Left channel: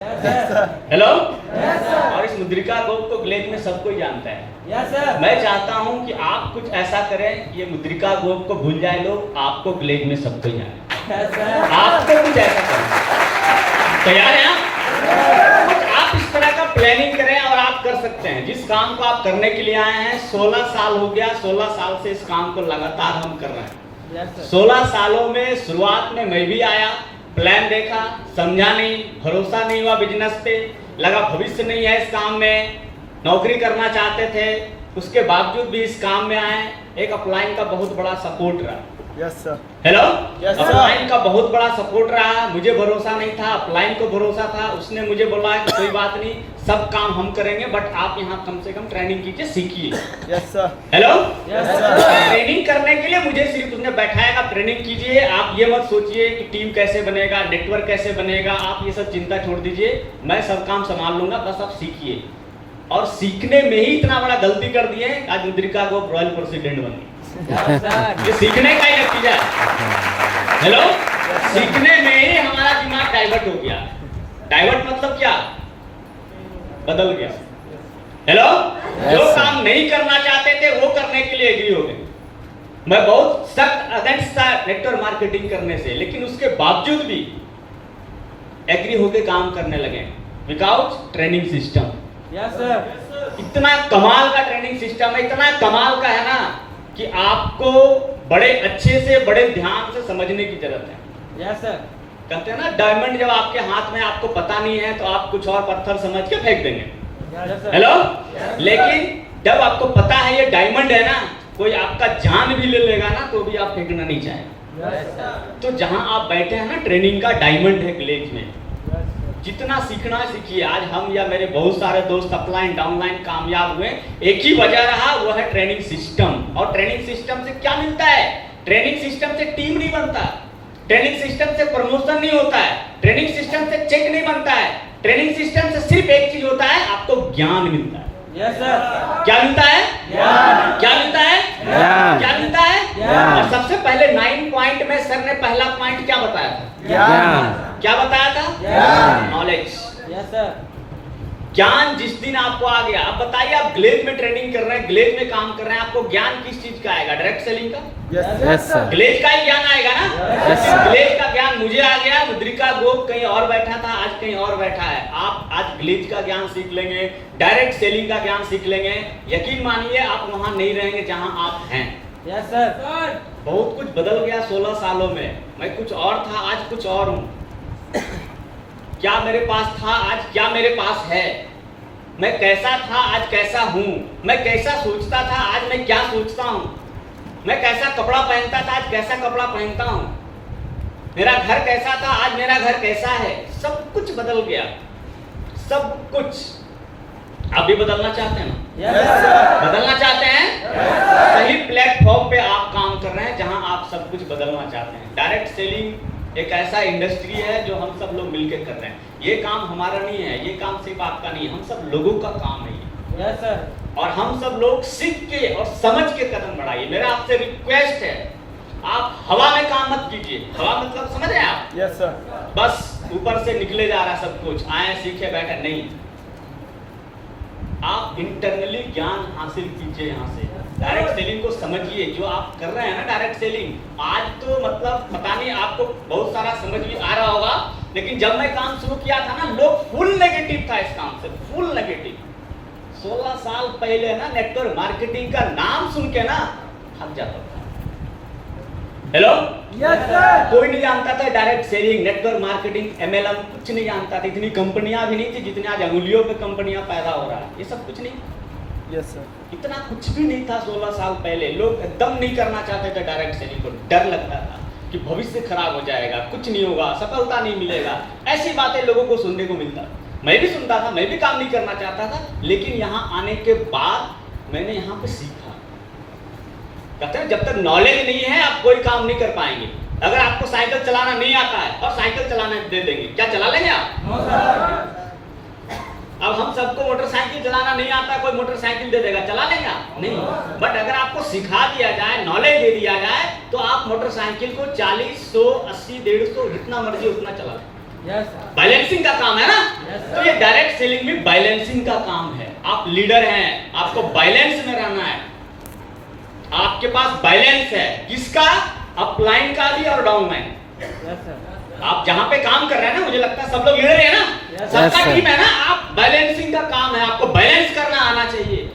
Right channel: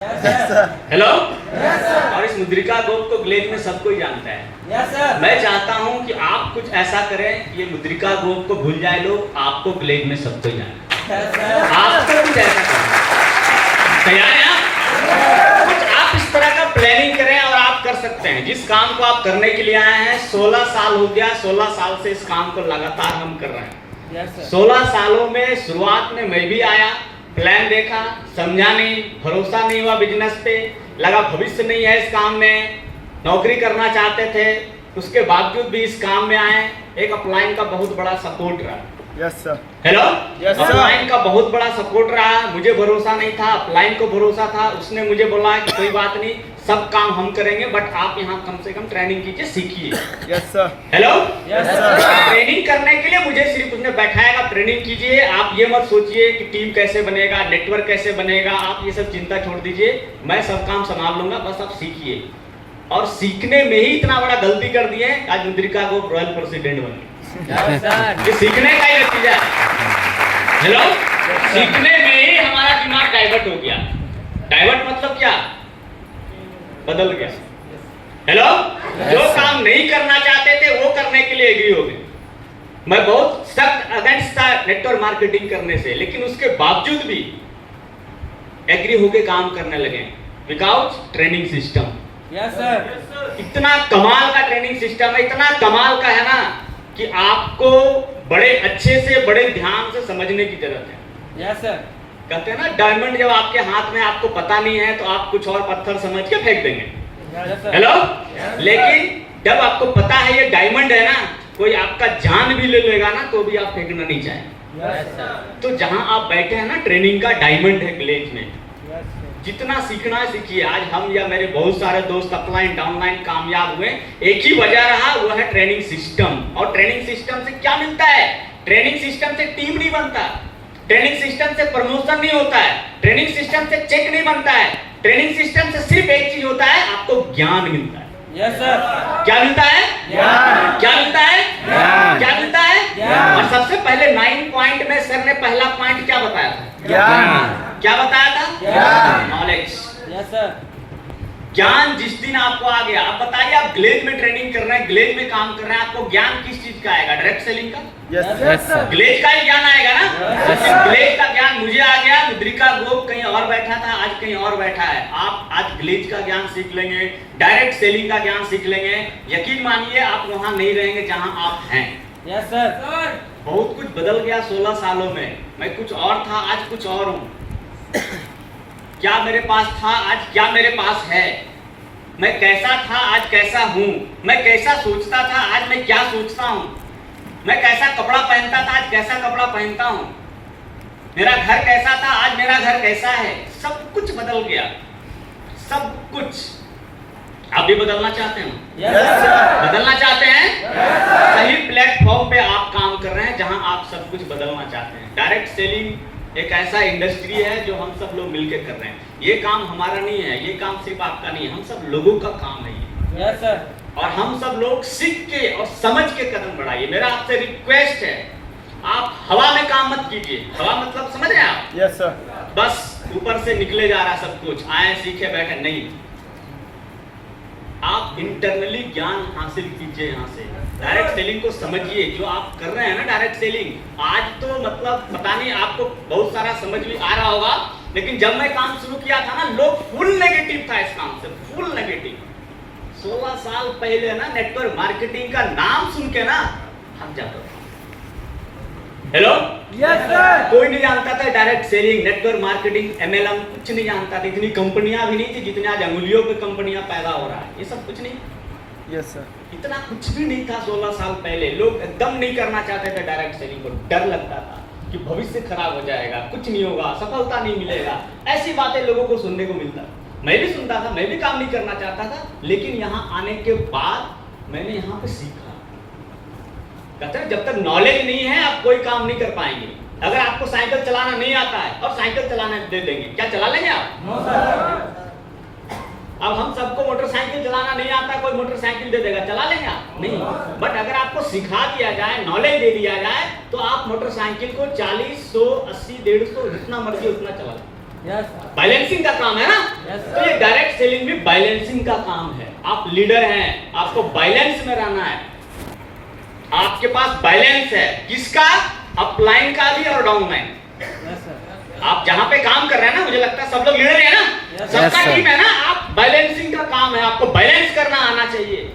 Hello. और इस मुद्रिका गोप को ग्लेज में सब कोई जानता है। मैं चाहता हूं कि आप कुछ ऐसा करें कि ये मुद्रिका गोप को भूल जाए लोग, आपको ग्लेज में सब कोई जाने। आपको कुछ ऐसा करना, तैयार है आप? कुछ आप इस तरह का प्लानिंग करें और आप कर सकते हैं। जिस काम को आप करने के लिए आए हैं, 16 साल हो गया, 16 साल से इस काम को लगातार हम कर रहे हैं। 16 सालों में शुरुआत में मैं भी आया, प्लान देखा, समझा नहीं, भरोसा नहीं हुआ बिजनेस पे, लगा भविष्य नहीं है इस काम में, नौकरी करना चाहते थे, उसके बावजूद भी इस काम में आए। एक अपलाइन का बहुत बड़ा सपोर्ट रहा। Yes sir. Hello. Yes, upline का बहुत बड़ा सपोर्ट रहा। मुझे भरोसा नहीं था, अपलाइन को भरोसा था। उसने मुझे बोला कि कोई बात नहीं, सब काम हम करेंगे, बट आप यहाँ कम से कम ट्रेनिंग कीजिए, सीखिए। Yes sir. Hello. Yes sir. Training करने के लिए मुझे सिर्फ उसने बैठाएगा, ट्रेनिंग कीजिए। आप ये मत सोचिए कि टीम कैसे बनेगा, नेटवर्क कैसे बनेगा, आप ये सब चिंता छोड़ दीजिए, मैं सब काम संभाल लूंगा, बस आप सीखिए। और सीखने में ही इतना बड़ा गलती कर दिए, आज मुद्रिका गोप रॉयल प्रेसिडेंट बन गए। ये सीखने का ही नतीजा है। हेलो। सीखने में ही हमारा दिमाग डाइवर्ट हो गया। डाइवर्ट मतलब क्या? बदल गया। हेलो। जो काम नहीं करना चाहते थे वो करने के लिए एग्री हो गए। मैं बहुत सख्त अगेंस्ट था नेटवर्क मार्केटिंग करने से, लेकिन उसके बावजूद भी एग्री होके काम करने लगे without training system. Yes sir. इतना कमाल का ट्रेनिंग सिस्टम है, इतना कमाल का है ना कि आपको बड़े अच्छे से, बड़े ध्यान से समझने की जरूरत है। Yes sir. कहते हैं ना, डायमंड जब आपके हाथ में आपको पता नहीं है तो आप कुछ और पत्थर समझ के फेंक देंगे। हेलो। लेकिन जब आपको पता है ये डायमंड है ना, कोई आपका जान भी ले लेगा ना तो भी आप फेंकना नहीं चाहेंगे। तो जहां आप बैठे हैं ना, ट्रेनिंग का डायमंड है विलेज में। जितना सीखना सीखिए। आज हम या मेरे बहुत सारे दोस्त अपलाइन डाउनलाइन कामयाब हुए, एक ही वजह रहा, वो है ट्रेनिंग सिस्टम। और ट्रेनिंग सिस्टम से क्या मिलता है? ट्रेनिंग सिस्टम से टीम नहीं बनता, ट्रेनिंग सिस्टम से प्रमोशन नहीं होता है, ट्रेनिंग सिस्टम से चेक नहीं बनता है, ट्रेनिंग सिस्टम से सिर्फ एक चीज होता है, आपको ज्ञान मिलता है। Yes sir. क्या मिलता है? ज्ञान। क्या मिलता है? ज्ञान। क्या मिलता है? ज्ञान। और सबसे पहले 9 पॉइंट में सर ने पहला पॉइंट क्या बताया था? ज्ञान। क्या बताया था? ज्ञान। नॉलेज। Yes sir. ज्ञान जिस दिन आपको आ गया, आप बताइए, आप ग्लेज में ट्रेनिंग कर रहे हैं, ग्लेज में काम कर रहे हैं, आपको ज्ञान किस चीज का आएगा? डायरेक्ट सेलिंग का? Yes sir. ग्लेज का ही ज्ञान आएगा ना। Yes, sir. ग्लेज का ज्ञान मुझे आ गया, मुद्रिका गोप कहीं और बैठा था, आज कहीं और बैठा है। आप आज ग्लेज का ज्ञान सीख लेंगे, डायरेक्ट सेलिंग का ज्ञान सीख लेंगे, यकीन मानिए आप वहां नहीं रहेंगे जहां आप हैं। Yes sir. बहुत कुछ बदल गया 16 सालों में। मैं कुछ और था, आज कुछ और हूं। क्या मेरे पास था, आज क्या मेरे पास है। मैं कैसा था, आज कैसा हूं। मैं कैसा सोचता था, आज मैं क्या सोचता हूं। मैं कैसा कपड़ा पहनता था, आज कैसा कपड़ा पहनता हूं। मेरा घर कैसा था, आज मेरा घर कैसा है। सब कुछ बदल गया, सब कुछ। आप भी बदलना चाहते हैं? Yes sir. बदलना चाहते हैं? सही प्लेटफॉर्म पे आप काम कर रहे हैं जहां आप सब कुछ बदलना चाहते हैं। डायरेक्ट सेलिंग एक ऐसा इंडस्ट्री है जो हम सब लोग मिलकर कर रहे हैं। ये काम हमारा नहीं है, ये काम सिर्फ आपका नहीं है, हम सब लोगों का काम है ये। Yes sir. और हम सब लोग सीख के और समझ के कदम बढ़ाइए। मेरा आपसे रिक्वेस्ट है, आप हवा में काम मत कीजिए। हवा मतलब समझ रहे हैं आप? Yes sir. बस ऊपर से निकले जा रहा सब कुछ, आए सीखे बैठे नहीं। आप इंटरनली ज्ञान हासिल कीजिए यहाँ से। डायरेक्ट सेलिंग को समझिए, जो आप कर रहे हैं ना डायरेक्ट सेलिंग, आज तो मतलब पता नहीं आपको बहुत सारा समझ भी आ रहा होगा, लेकिन जब मैं काम शुरू किया था ना, लोग फुल नेगेटिव था इस काम से, फुल नेगेटिव। 16 साल पहले ना नेटवर्क मार्केटिंग का नाम सुन के ना थक जाता था। हेलो। Yes sir. कोई नहीं जानता था direct selling, network marketing, MLM कुछ नहीं जानता था। इतनी कंपनियां भी नहीं थी जितनी आज अंगुलियों पे कंपनियां पैदा हो रहा है। ये सब कुछ नहीं, यस सर। इतना कुछ भी नहीं था 16 साल पहले। लोग एकदम नहीं करना चाहते थे डायरेक्ट सेलिंग को, डर लगता था कि भविष्य खराब हो जाएगा, कुछ नहीं होगा, सफलता नहीं मिलेगा। ऐसी बातें लोगों को सुनने को मिलता। मैं भी सुनता था, मैं भी काम नहीं करना चाहता था, लेकिन यहाँ आने के बाद मैंने यहाँ पे सीखा। कहते हैं जब तक नॉलेज नहीं है आप कोई काम नहीं कर पाएंगे। अगर आपको साइकिल चलाना नहीं आता है और साइकिल चलाने दे देंगे, क्या चला लेंगे आप? No sir. अब हम सबको मोटरसाइकिल चलाना नहीं आता, कोई मोटरसाइकिल दे देगा, चला लेंगे आप? नहीं। बट अगर आपको सिखा दिया जाए, नॉलेज दे दिया जाए, तो आप मोटरसाइकिल को 40, 100, 80, 150 जितना मर्जी उतना चला लें। यस। बैलेंसिंग का काम है ना। तो ये डायरेक्ट सेलिंग में बैलेंसिंग का काम है। आप लीडर हैं, आपको बैलेंस में रहना है। आपके पास बैलेंस है, किसका? अपलाइन का भी और डाउनलाइन। आप जहां पे काम कर रहे हैं ना, मुझे लगता है सब लोग लीडर है ना, सबका sir. टीम है ना, आप बैलेंसिंग का काम है, आपको बैलेंस करना आना चाहिए।